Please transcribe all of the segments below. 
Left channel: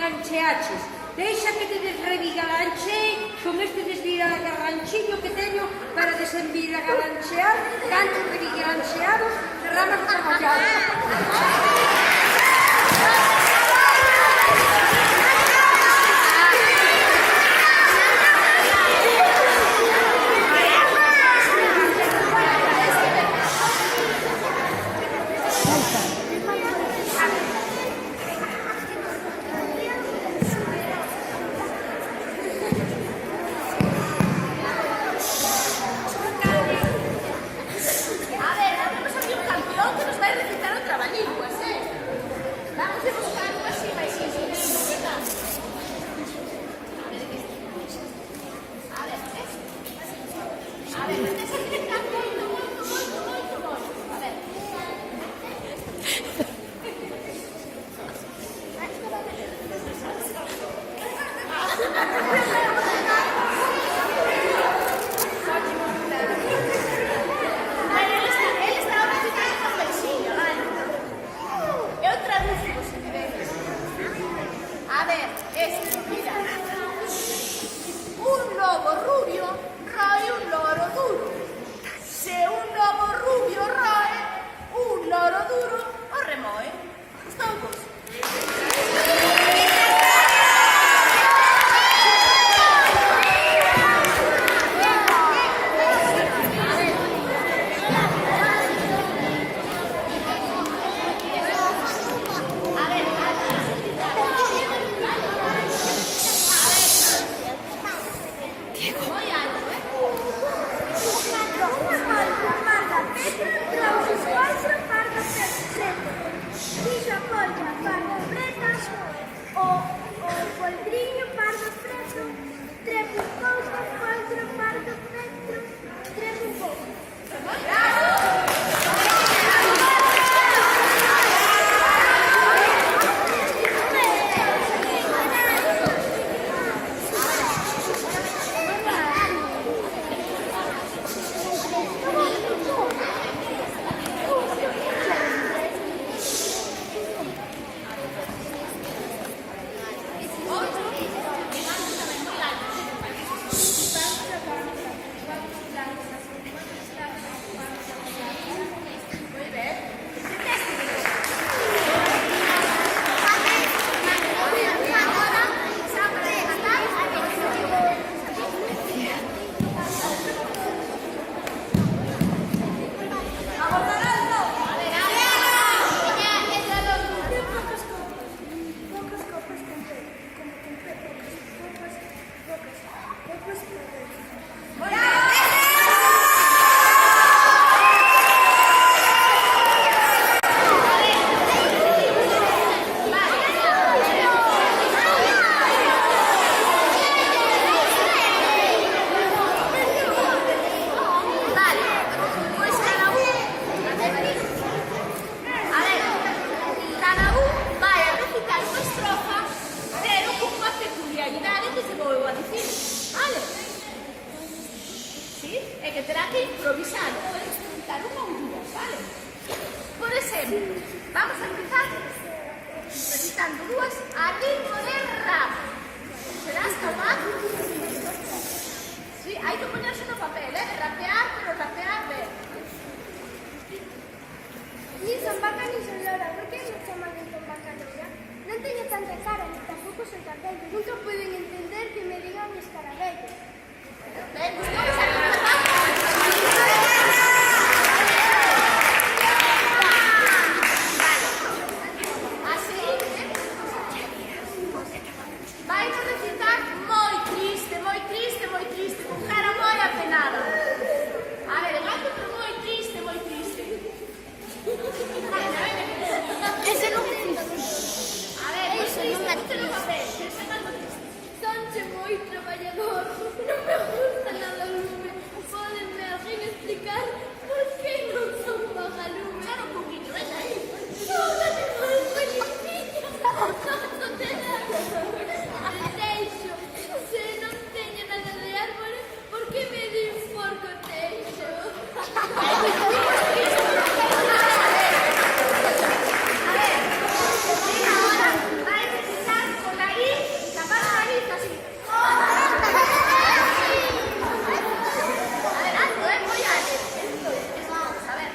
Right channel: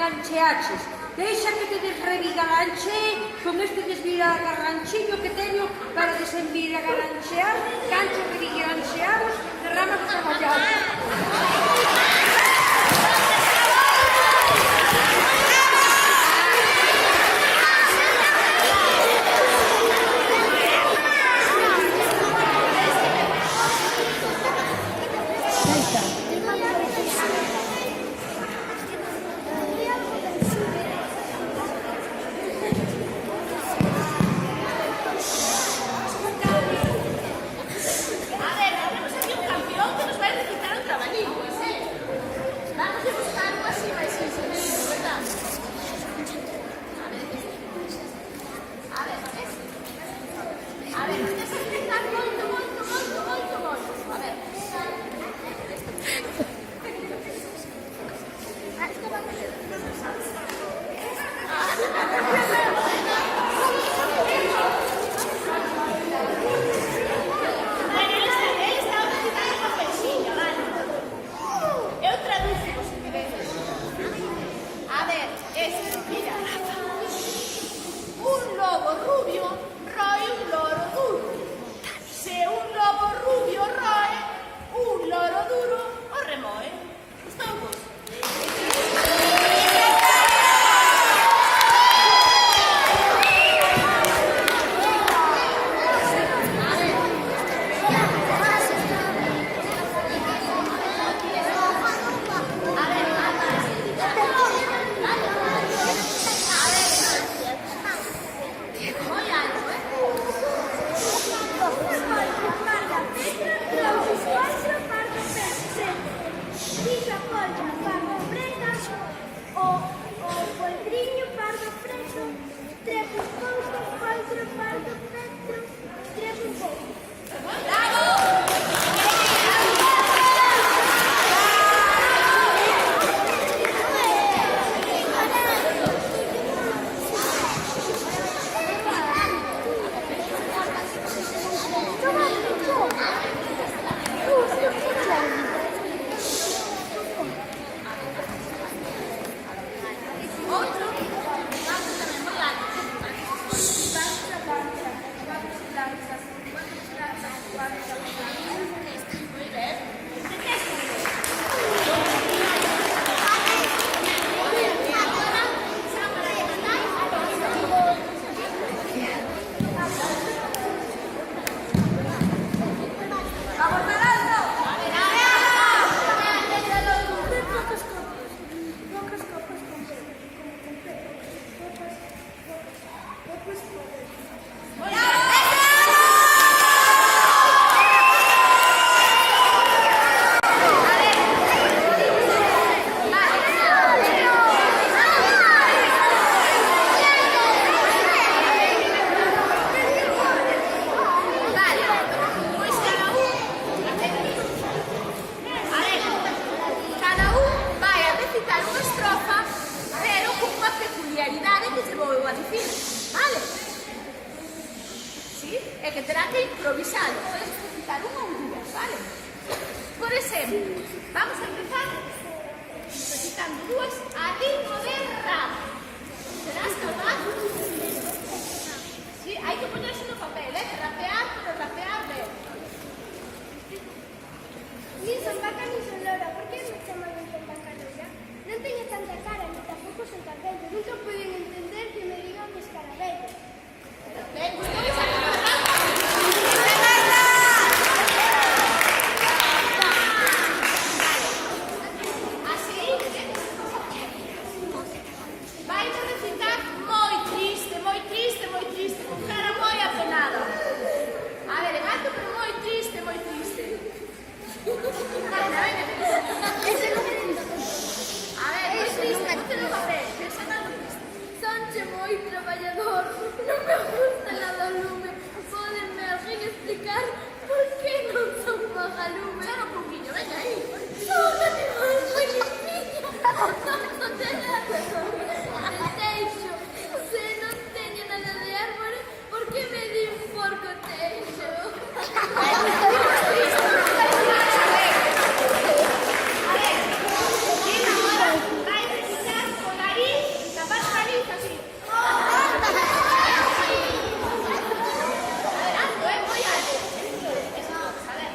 Gancheaches. Deixa que te desrevigalanche con este desviragarranchiño que teño para desenviragarranchear ganchos revigarancheados de ramas de traballado. A ver, tenemos aquí un campeón que nos va a recitar otra trabalingüas, que terá que improvisar. Podes citar unha ou dúas, vale? Por exemplo, vamos a empezar citando dúas a ritmo de rap. Serás capaz? Sí, hai que poñerse no papel, rapear, pero rapear ben. Ni son vaca ni son lora, por que me chaman entón vaca lora? Non teño tanta cara, ni tampouco son tan vello. Nunca poden entender que me digan escarabello. Vai a recitar moi triste, moi triste, moi triste, con cara moi apenada. A ver, elegante, pero moi triste, moi triste. Ese non é triste. A ver, moi triste, ponte no papel, ese non é triste. Sonche moi traballador, non me gusta nada o lume. Pódenme alguén explicar por que non son vagalume? Claro, un poquinho, venga aí. Son animal moi limpinho, non teño de teixo. Se non teño nada de árbore, por que me din porco teixo? A ver, mira ahora, vai a recitar con nariz y tapar la nariz así. Alto, muy alto. Vamos, a ver.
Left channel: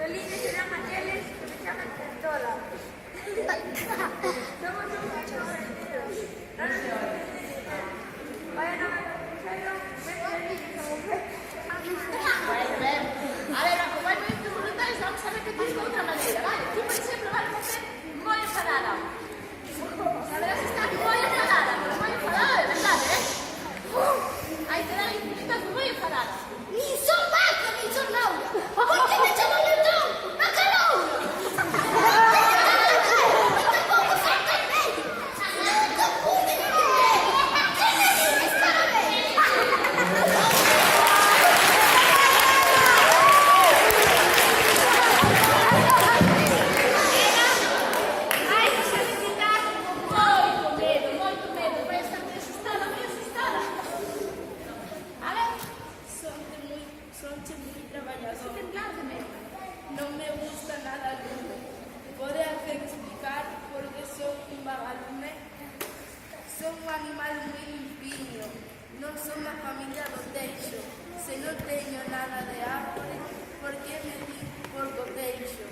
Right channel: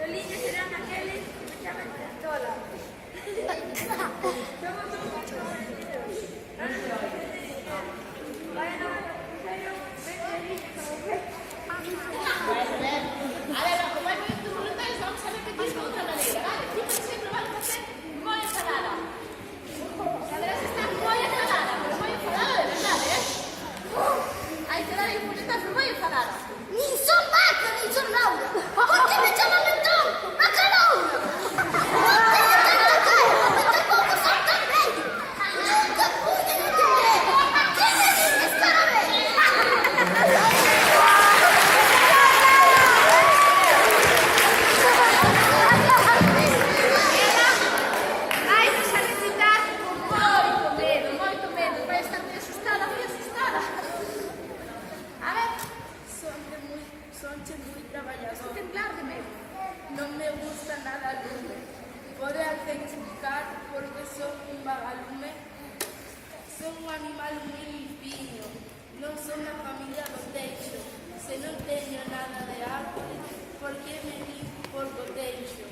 Felices serán aquellos que me llaman Cantola. Somos un pacho agradecidos. No nos olvides de dinero. Vayan a ver lo necesario, ven felices como ven. A ver, como hay muy voluntarios, vamos a ver que tienes de otra manera, ¿vale? Tú, por ejemplo, vas a hacer muy enfadada. A ver, está muy enfadada, pero muy enfadada de verdad, ¿eh? Ahí te da ahí un puñetazo muy enfadada. Ni son vaca, ni son Laura. Por que me chaman entón? Vaca Laura. Non teño tanta cara, tampouco son tan vello. Nunca pude entender que me din escarabello. Vai a necesitar moito medo, vai estar muy asustada, muy asustada. A ver, Sonche moi traballador. temblar de medo. Non me gusta nada o lume. Pode alguén explicar por que son un vagalume? Son un animal moi limpiño. Non son da familia do teixo. Se non teño nada de árbore, por que me di por co teixo?